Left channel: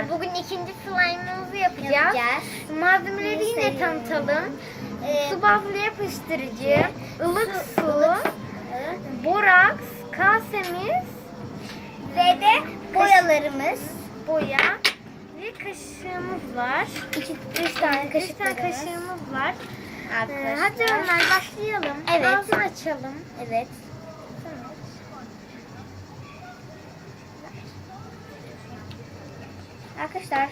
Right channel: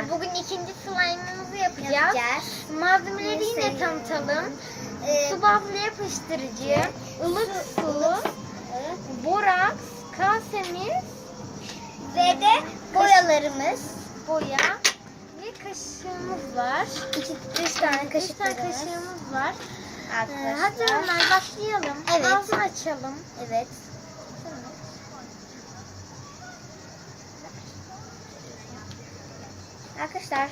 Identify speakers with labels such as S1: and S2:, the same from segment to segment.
S1: arkadaşlar bugün ikinci slime'ımızı yapacağız.
S2: Yapacağız.
S1: Malzemeleri yine
S2: Neyse.
S1: tanıtalım.
S2: Ee,
S1: Su bazlı yapıştırıcı, ılık
S2: su,
S1: su,
S2: ılık
S1: boraks, kasemiz,
S2: ve de boyalarımız.
S1: boya ve kaşığımız var.
S2: İki, üç tane
S1: Üç tane kaşığımız var. Ee,
S2: Arkadaşlar.
S1: hadi Ömer başlayalım.
S2: Evet.
S1: Ağzını açalım.
S2: Evet. Arkadaşlar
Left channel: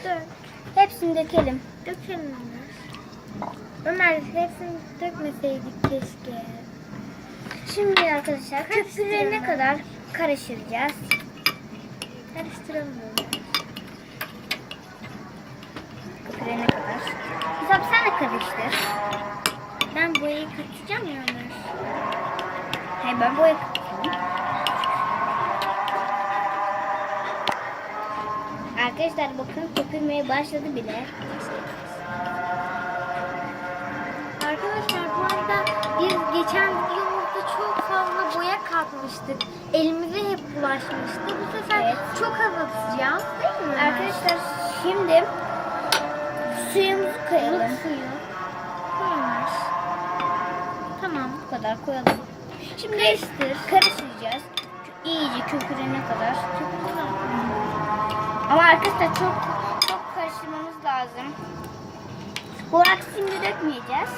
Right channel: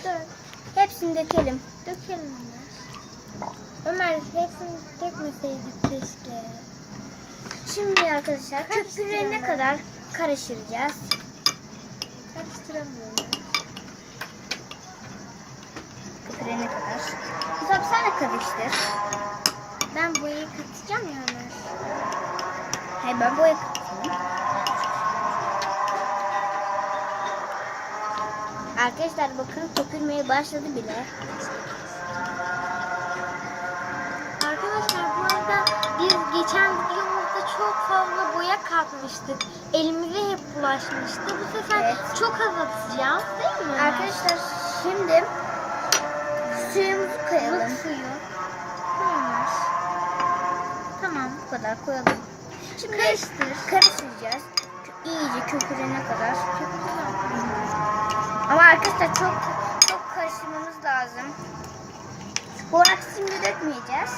S2: hepsini dökelim.
S1: Dökelim Ömer. Hepsini dökmeseydik keşke.
S2: Şimdi arkadaşlar köpürene kadar karıştıracağız.
S1: Karıştıralım Ömer.
S2: Köpürene kadar. Güzel sen de karıştır.
S1: Ben boyayı katacağım ya.
S2: Hayır ben boya Arkadaşlar bakın köpürmeye başladı bile.
S1: Arkadaşlar bu arada biz geçen videomuzda çok fazla boya katmıştık. Elimize hep bulaşmıştı. Bu sefer
S2: Evet.
S1: çok az atacağız değil mi?
S2: Arkadaşlar şimdi suyumuzu koyalım.
S1: Suyu. Koymuş. Tamam.
S2: Bu kadar koyalım. Şimdi
S1: Karıştır.
S2: karıştıracağız. İyice köpürene kadar. Ama arkadaşlar çok çok karıştırmamız lazım. Boraks şimdi dökmeyeceğiz.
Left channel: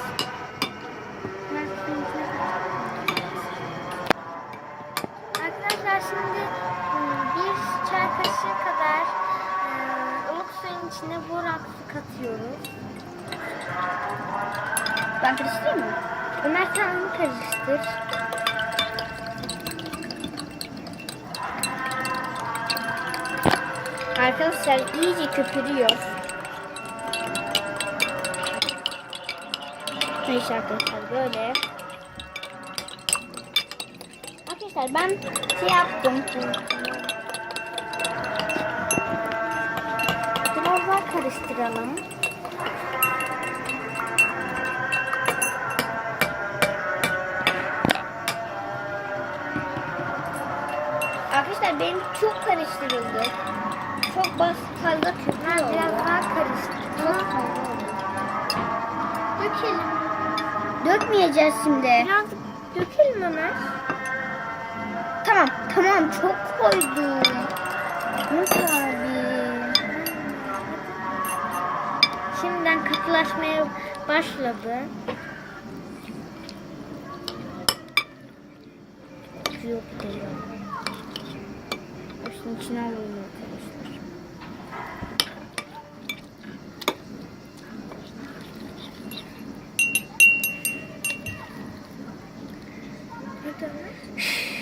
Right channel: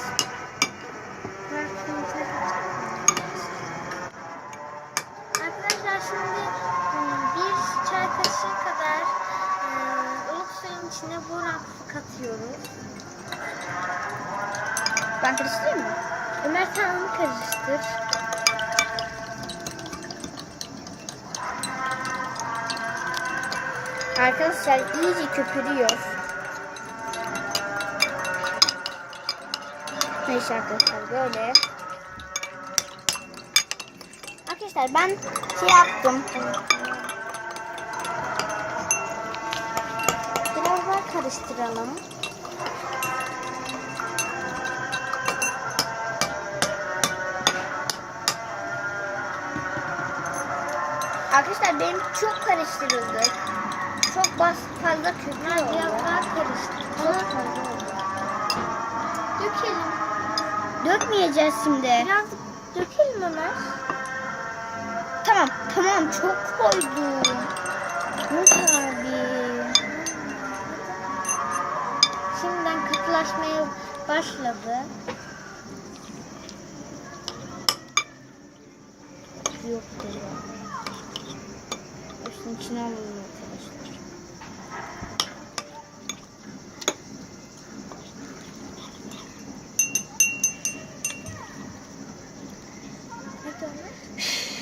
S1: Arkadaşlar şimdi ıı, bir çay kaşığı kadar ıı, ılık suyun içine boraksı katıyoruz.
S2: Ben karıştırayım mı?
S1: Ömer sen onu karıştır.
S2: Arkadaşlar iyice köpürüyor. Neyse arkadaşlar böyle. Arkadaşlar ben şey yaptım.
S1: Biraz daha karıştıralım.
S2: Arkadaşlar benim çok karıştırıldı. Çok bas fazla
S1: Ömer
S2: oldu.
S1: biraz daha karıştır.
S2: Çok fazla oldu.
S1: dökelim.
S2: Dökmeyeceğiz şimdi.
S1: Biraz dökelim Ömer.
S2: Tamam tamam çok koydum. Nasıl abi?
S1: Şimdiden katılaşmaya başladı.
S2: Yok geliyor. Başın içine alalım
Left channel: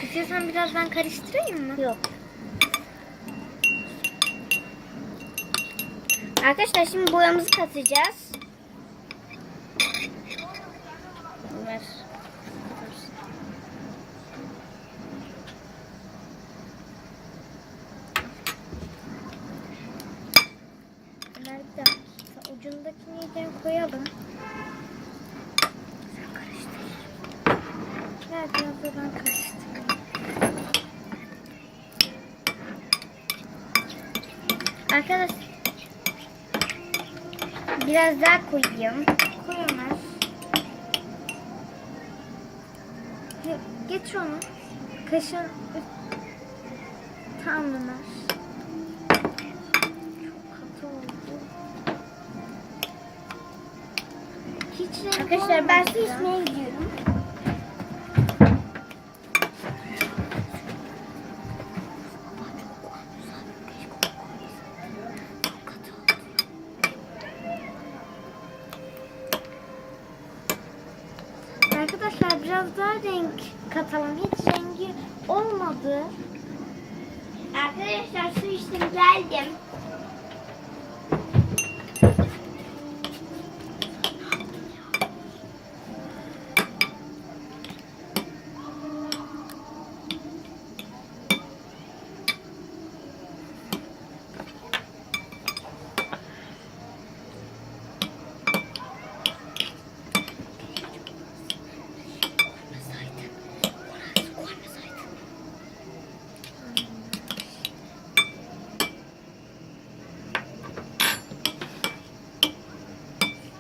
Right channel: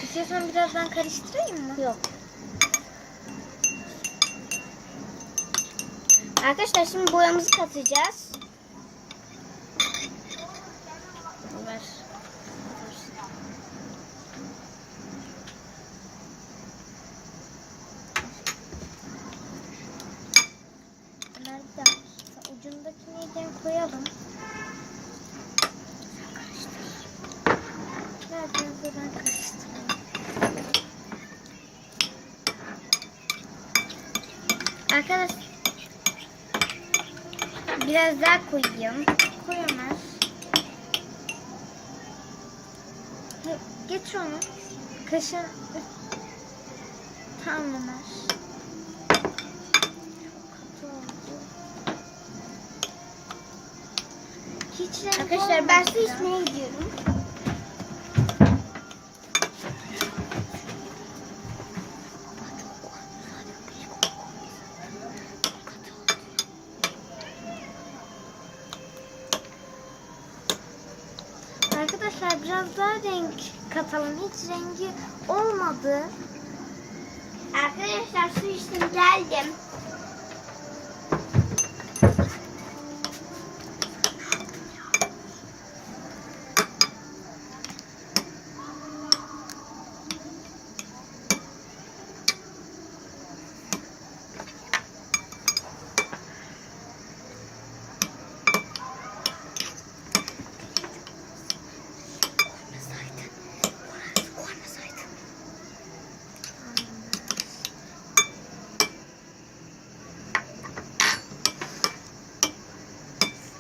S1: İstiyorsan biraz ben karıştırayım mı?
S2: Yok. Arkadaşlar şimdi boyamızı katacağız. Ver.
S1: Ucundakini iyice koyalım.
S2: Sen karıştır.
S1: Da ben karıştırayım.
S2: Arkadaş biraz daha koyayım.
S1: Koy Ömer. He, Getir onu. Kaşın. Tamam Ömer.
S2: Arkadaşlar ben su içmeye gidiyorum.
S1: Biraz daha renk katalım. Hiç rengi olmadı.
S2: Arkadaşlar su içtim geldim.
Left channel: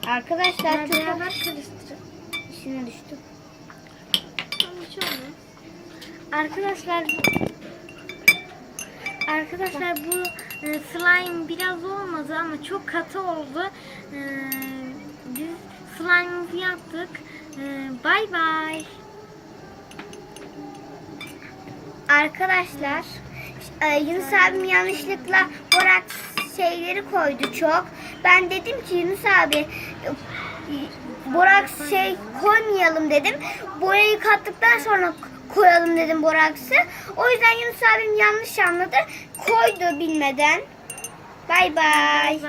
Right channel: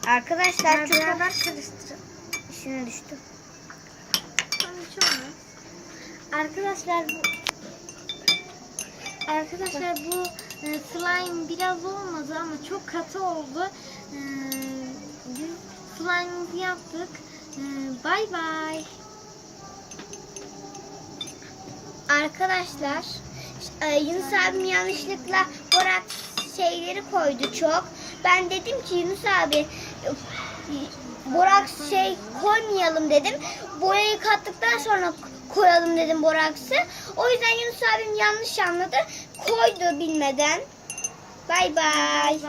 S2: Arkadaşlar çok
S1: Beraber karıştırın.
S2: Üstüne düştü.
S1: Arkadaşlar Arkadaşlar bu e, slime biraz olmadı ama çok katı oldu. E, biz slime'ımızı yaptık. E, Bay bay.
S2: Arkadaşlar e, Yunus abim yanlışlıkla borak şeyleri koydu çok. Ben dedim ki Yunus abi borak şey koymayalım dedim. Boyayı kattıktan sonra koyalım dedim boraksı. O yüzden Yunus abim yanlış anladı. Koydu bilmeden.
S1: Bay bay.